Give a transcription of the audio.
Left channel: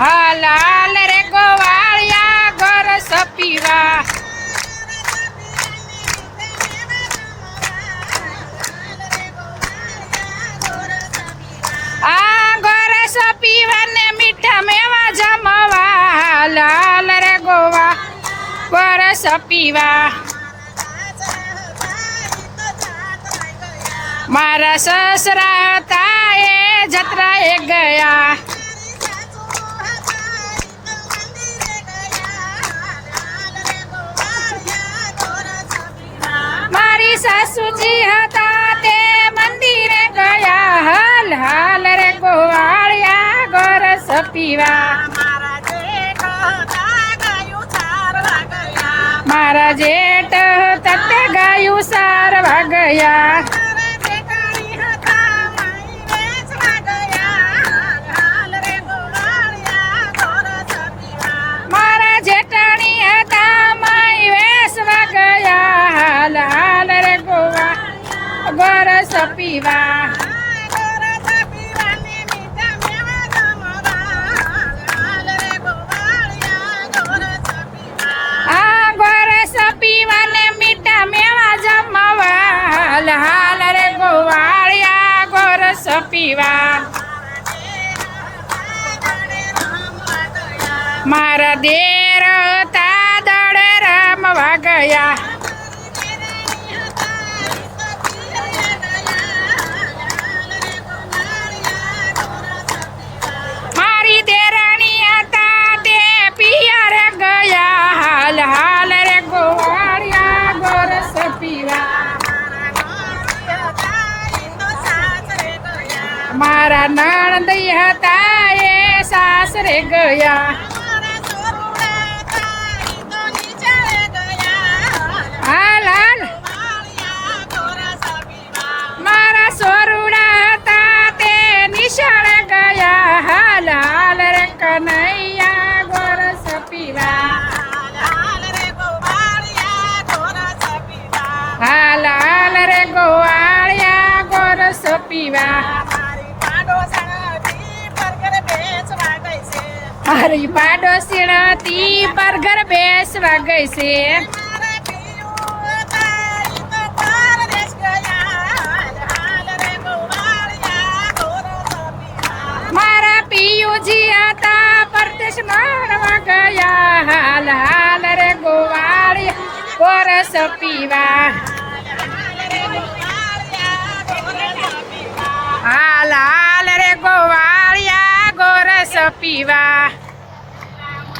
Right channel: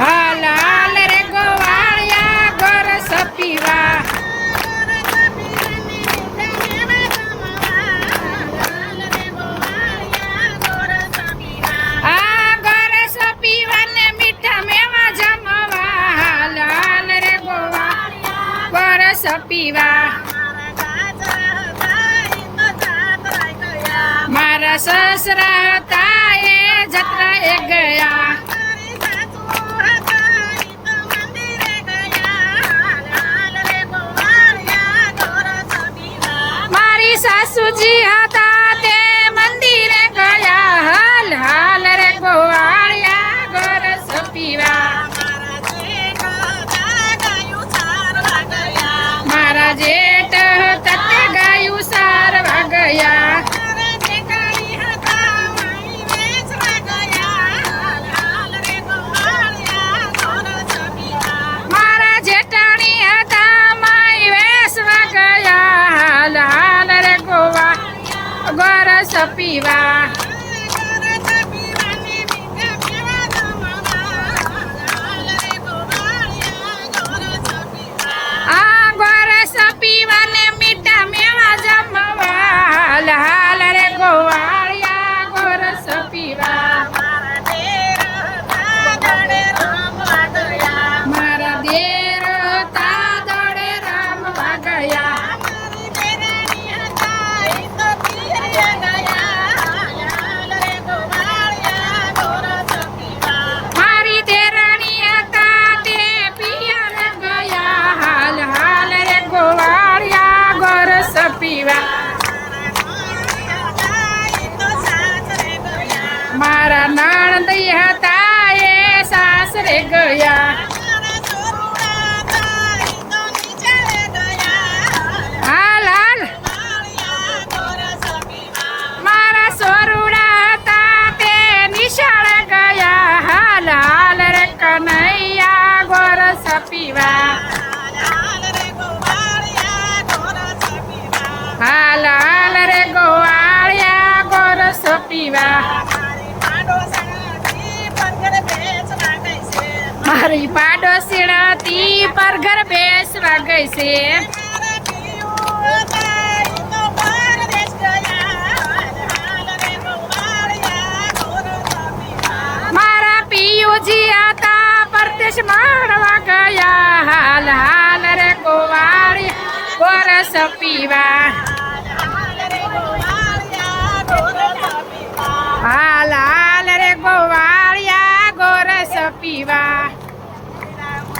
હાલ હાલ રે ગોવાળિયા ગોરસ પીવા આ ગોરસ પીવાને મીઠા મેવા જમવા હાલ હાલ રે ગોવા ગોરસ પીવા મારા સસરા હતા એ જત્રાએ ગયા મારી સાસુજી હતા તે મંદિરે ગયા હાલ હાલ રે ગોવાળિયા ગોરસ પીવા મારા જેઠ તત ગાયું સારવા ગયા મારા જેઠાણી હતા માઈ વેસવા ગયા હાલ હાલ રે ગોવા ગોરસ પીવા આ ગોરસ પીવાને મીઠા મેવા જમવા હાલ હાલ રે ગોવાળિયા ગોરસ પીવા મારા દેર હતા દડે રમવા ગયા મારી દેરાણી હતા તે પિયર ગયા હાલ હાલ રે ગોવાળિયા ગોરસ પીવા મારા નણંદ હતા એ સાસરે ગયા હાલ હાલ મારા સોરુડા હતા તે નિશાળ ગયા હાલ હાલ રે કનૈયા ગોરસ પીવા હાલ હાલ રે ગોવાળિયા ગોરસ પીવા મારી પાડોશીણથી પરઘર બેસવા ગઈ છે મારા પિયુજી હતા પરદેશ માણવા ગયા હાલ હાલ રે ગોવાળિયા ગોરસ પીવા હાલ હાલ રે ગોવાળિયા ગોરસ પીવા